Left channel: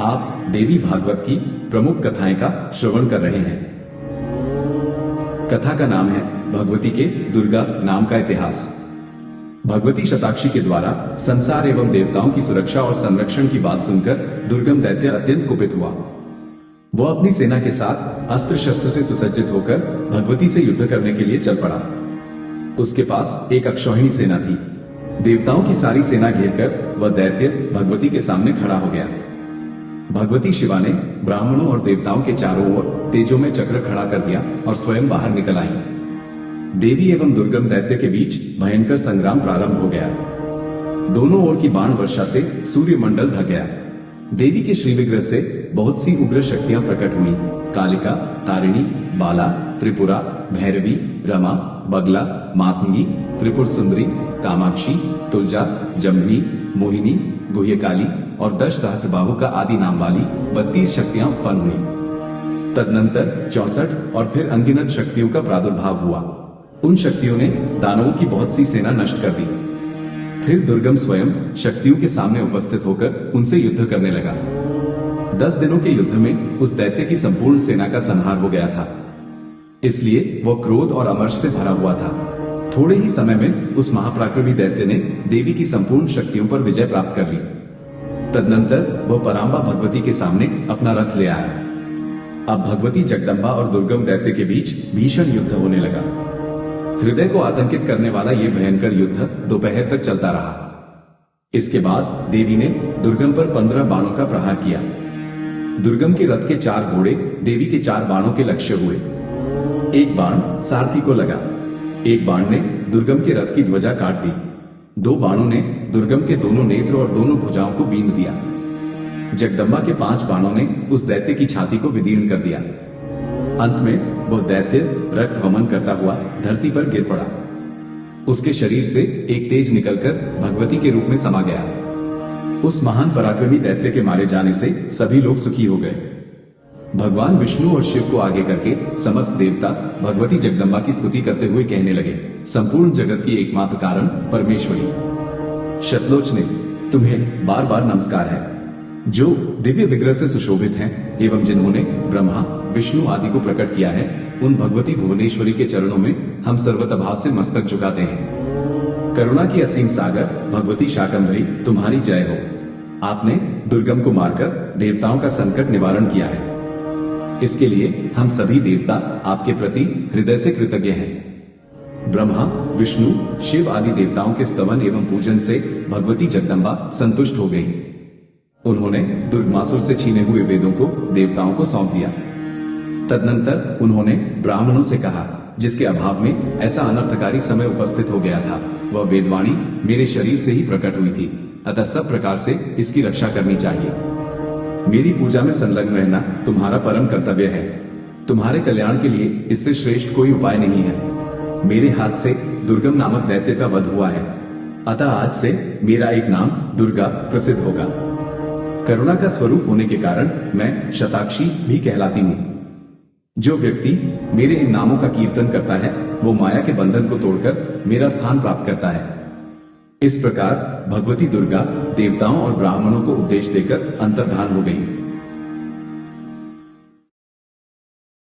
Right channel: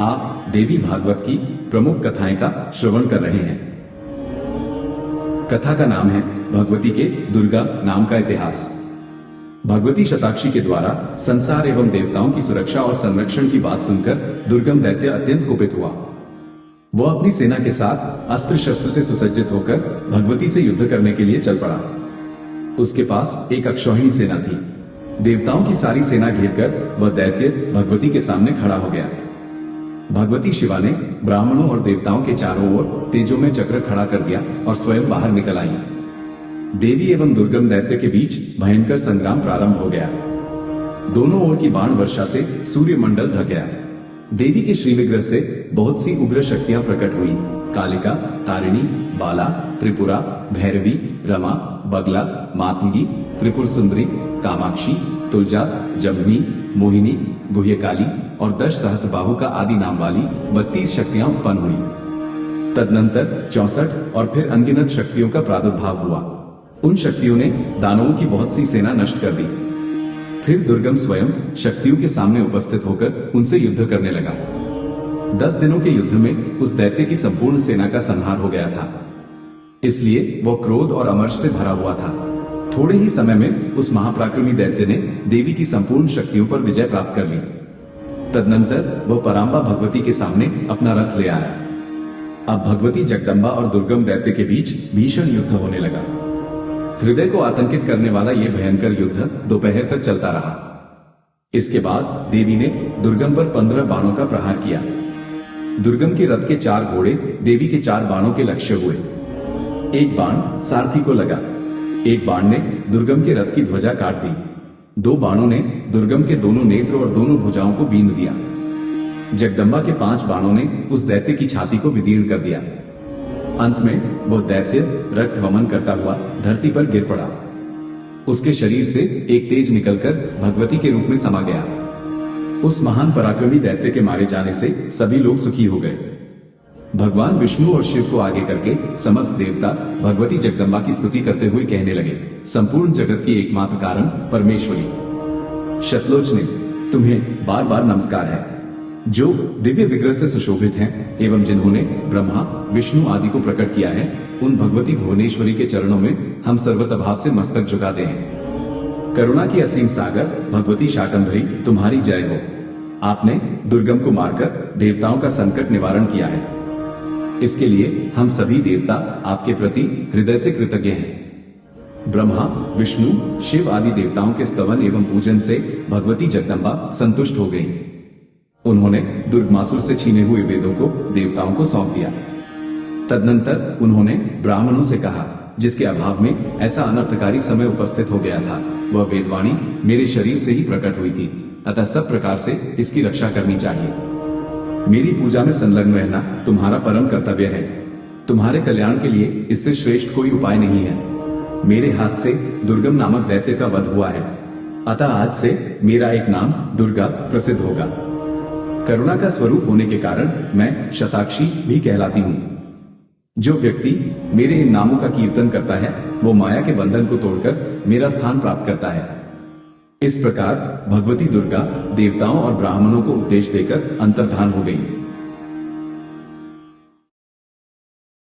आप देवी भागवत की प्रमुख कथाएं का श्रवण कर रहे हैं। कथा का नाम है भगवती के दुर्गा नाम का इतिहास। भगवती शताक्षी के द्वारा संसार एवं देवताओं की सुरक्षा और संरक्षण की बात सुनकर दुर्गम दैत्य अत्यंत कुपित हुआ। वह अपनी सेना के साथ अस्त्र शस्त्र से सुसज्जित होकर भगवती से युद्ध करने के लिए चल पड़ा। उसके पास एक अक्षौहिणी सेना थी। देवताओं की सारी सेना घेरकर वह दैत्य भगवती के सामने खड़ा हो गया। भगवती शिवा ने ब्राह्मणों और देवताओं के चारों ओर तेजो में चक्र खड़ा कर दिया और स्वयं बाहर निकल आईं। देवी एवं दुर्गम दैत्य के बीच भयंकर संग्राम प्रारंभ हो गया। दोनों ओर की बाण वर्षा से सूर्य मंडल ढक गया। देवी के श्री विग्रह से बहुत सी उग्र शक्तियां प्रकट हुई। कालिका, तारिणी, बाला, त्रिपुरा, भैरवी, रमा, बगला, मातंगी, त्रिपुर सुंदरी, कामाक्षी, तुलजा, जम्नी, मोहिनी, गुह्यकाली और 10 सहस्रबाहु का आदि नाम वाली 32 शक्तियां उत्पन्न हुई। तदनंतर 64 और फिर अनगिनत शक्तियों का प्रादुर्भाव हुआ। उन शक्तियों ने दानवों की बहुत सी सेना नष्ट कर दी। फिर दुर्गम स्वयं शक्तियों के सामने उपस्थित होकर उनसे युद्ध करने लगा। 10 दिनों के युद्ध में उस दैत्य की संपूर्ण सेना का संहार हो गया था। इसलिए वह क्रोध और अमर्ष से भरा हुआ था। थोड़े ही समय में उस महापराक्रमी दैत्य ने देवी की संपूर्ण शक्तियों पर विजय प्राप्त कर ली। तदनंतर वह परांबा भगवती के सामने अपना रथ ले आया। अब भगवती जगदंबा और दुर्गम दैत्य के बीच भीषण युद्ध होने लगा। हृदय को आतंकित करने वाला यह भयंकर युद्ध दोपहर तक चलता रहा। इसके बाद देवी ने दुर्गम पर 15 बाणों का प्रहार किया। दुर्गम के रथ के 4 घोड़े देवी के 4 बाणों के लक्ष्य हुए। एक बाण सारथी को लगा। एक बाण ने दुर्गम के रथ की ध्वजा काट दी। 2 बाणों ने दुर्गम के दोनों नेत्र और दोनों भुजाओं को बींध दिया। जगदंबा के 5 बाणों ने उस दैत्य की छाती को विदीर्ण कर दिया। अंत में वह दैत्य रक्त वमन करता हुआ धरती पर गिर पड़ा। उसके शरीर से एक तेज निकलकर भगवती के रूप में समा गया। उस महान पराक्रमी दैत्य के मारे जाने से सभी लोग सुखी हो गए। भगवान विष्णु और शिव को आगे करके समस्त देवता भगवती जगदंबा की स्तुति करते हुए कहने लगे, संपूर्ण जगत की एकमात्र कारण परमेश्वरी शतलोचने, तुम्हें बार बार नमस्कार है, जो दिव्य विग्रह से सुशोभित हैं एवं जिन्होंने ब्रह्मा विष्णु आदि को प्रकट किया है। उन भगवती भुवनेश्वरी के चरणों में हम सर्वतभाव से मस्तक झुकाते हैं। करुणा की असीम सागर भगवती शाकंभरी, तुम्हारी जय हो। आपने दुर्गम को मारकर देवताओं का संकट निवारण किया है। इसके लिए हम सभी देवता आपके प्रति हृदय से कृतज्ञ हैं। ब्रह्मा विष्णु शिव आदि देवताओं के स्तवन एवं पूजन से भगवती जगदंबा संतुष्ट हो गई। उन्होंने दुर्गमासुर से छीने हुए वेदों को देवताओं को सौंप दिया। तदनंतर उन्होंने ब्राह्मणों से कहा, जिसके अभाव में ऐसा अनर्थकारी समय उपस्थित हो गया था, वह वेदवाणी मेरे शरीर से ही प्रकट हुई थी, अतः सब प्रकार से इसकी रक्षा करनी चाहिए। मेरी पूजा में संलग्न रहना तुम्हारा परम कर्तव्य है। तुम्हारे कल्याण के लिए इससे श्रेष्ठ कोई उपाय नहीं है। मेरे हाथ से दुर्गम नामक दैत्य का वध हुआ है, अतः आज से मेरा एक नाम दुर्गा प्रसिद्ध होगा। करुणा का स्वरूप होने के कारण मैं शताक्षी भी कहलाती हूँ। जो व्यक्ति मेरे इन नामों का कीर्तन करता है, वो माया के बंधन को तोड़कर मेरा स्थान प्राप्त करता है। इस प्रकार भगवती दुर्गा देवताओं और ब्राह्मणों को उपदेश देकर अंतर्धान हो गई।